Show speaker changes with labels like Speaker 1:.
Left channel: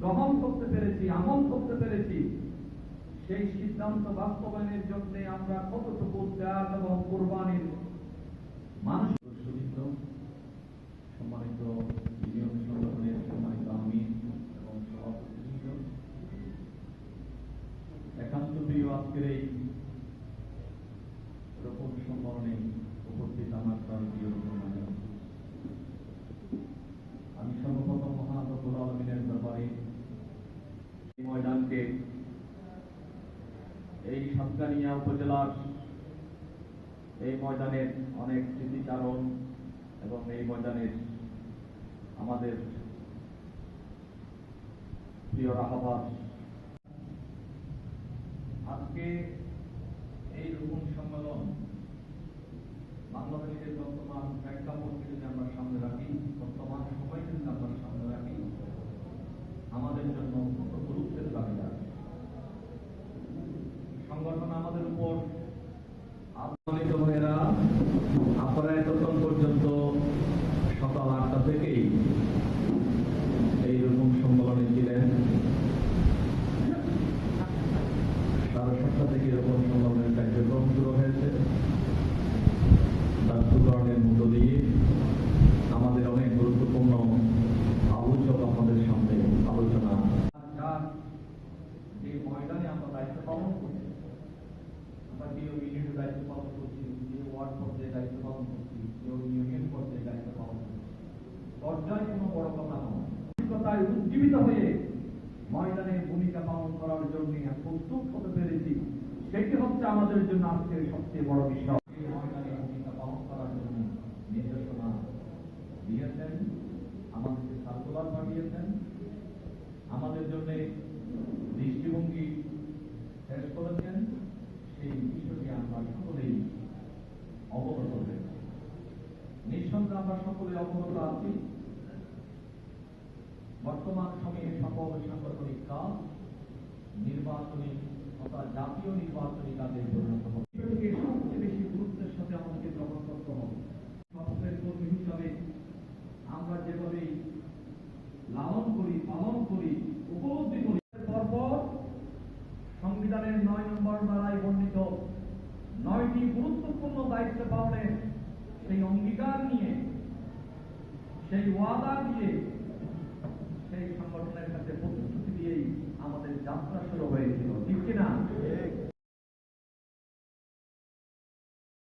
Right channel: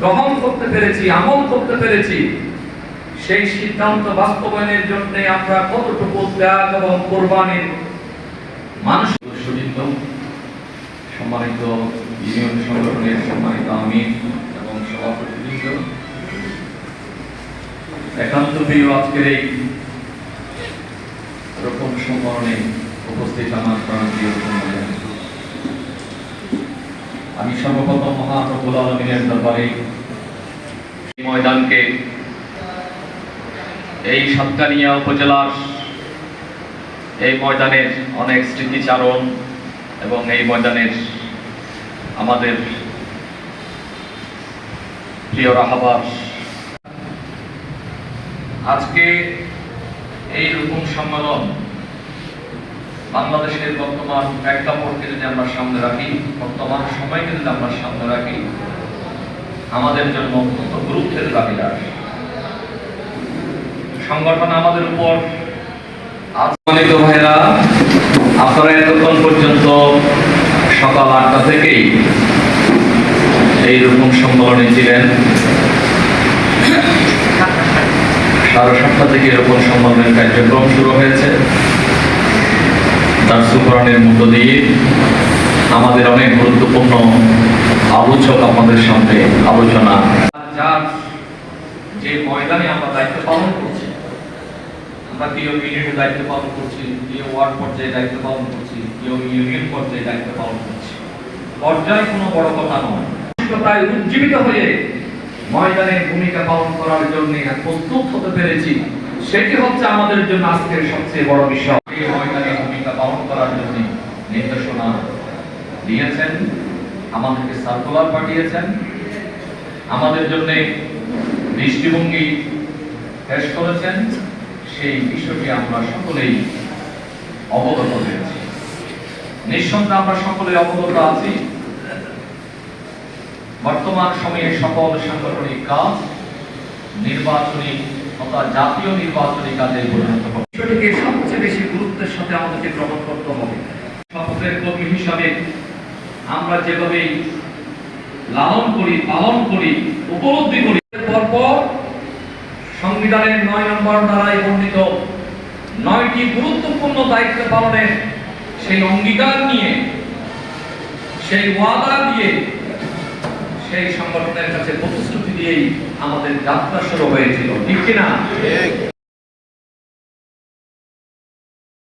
Speaker 1: গ্রহণ করতে পেরেছি, আমল করতে পেরেছি, সেই সিদ্ধান্ত বাস্তবায়নের জন্য আমরা কতটুকু ত্যাগ এবং কোরবানির মানুষ সম্মানিত ইউনিয়ন সংগঠনের সম্মানিত আমির এবং সভাপতিবৃন্দ। একান্ত প্রিয় আজকের এই রকম সম্মানে উপস্থিত আমার সর্বপ্রথম মহান আলমিনের দরবারে ময়দানকে, এই সাতকানিয়া উপজেলার এই ময়দানের অনেক স্মৃতিচারণ এবং এই ময়দানের আমাদের প্রিয় রাহাবার। আজকে এই রকম সম্মেলন বাংলাদেশের বর্তমান প্রেক্ষাপটকে যদি আমরা সামনে রাখি, বর্তমান সময়কে যদি আমরা সামনে রাখি, আমাদের জন্য অত্যন্ত গুরুত্বের দাবিদার সংগঠন আমাদের উপর আজমানিত ভাইরা আপনারা এতক্ষণ পর্যন্ত সকাল আটটা থেকেই এইরকম সম্মেলনে ছিলেন। সাড়ে সাতটা থেকে এরকম সম্মেলনের কার্যক্রম শুরু হয়েছে। তার সুকরণের মধ্য দিয়ে আমাদের অনেক গুরুত্বপূর্ণ আলোচক আপনাদের সামনে আলোচনা। যে ময়দানে আমরা দায়িত্ব পালন করছি, আমরা ইউনিয়নের দায়িত্ব পালন করছি ওয়ার্ড পর্যায়ে দায়িত্ব পালন করছি ইউনিয়ন পর্যায়ে দায়িত্ব পালন করছি। পর্যায় কোনো বড় কথা নয়। তাই উজ্জীবিত হয়ে ময়দানে ভূমিকা পালন করার জন্য প্রস্তুত হতে পেরেছি, সেটি হচ্ছে আমাদের জন্য আজকের সবচেয়ে বড় বিষয়। ময়দানে ভূমিকা পালন করার জন্য নির্দেশনা দিয়েছেন, আমাদেরকে সার্কুলার পাঠিয়েছেন। আমাদের জন্য দৃষ্টিভঙ্গি পেশ করেছেন। সেই বিষয়টি আমরা সকলেই অবগত হয়েছি। নিঃসন্দেহে আমরা সকলে অবগত আছি। বর্তমান সময়ে সকল সাংগঠনিক কাজ নির্বাচনী তথা জাতীয় নির্বাচনী কাজে পরিণত হবে। বিষয়টিকে সবচেয়ে বেশি গুরুত্বের সাথে আমাদেরকে গ্রহণ করতে হবে। শপথের কর্মী হিসাবে আমরা যেভাবে লালন করি, পালন করি, উপলব্ধি করি পরপর সংবিধানের নয় নম্বর ধারায় বর্ণিত নয়টি গুরুত্বপূর্ণ দায়িত্ব পালনের সেই অঙ্গীকার নিয়ে, সেই ওয়াদা দিয়ে, সেই সংগঠনের কাছে প্রতিশ্রুতি দিয়েই আমাদের যাত্রা শুরু হয়েছিল। ঠিক কিনা?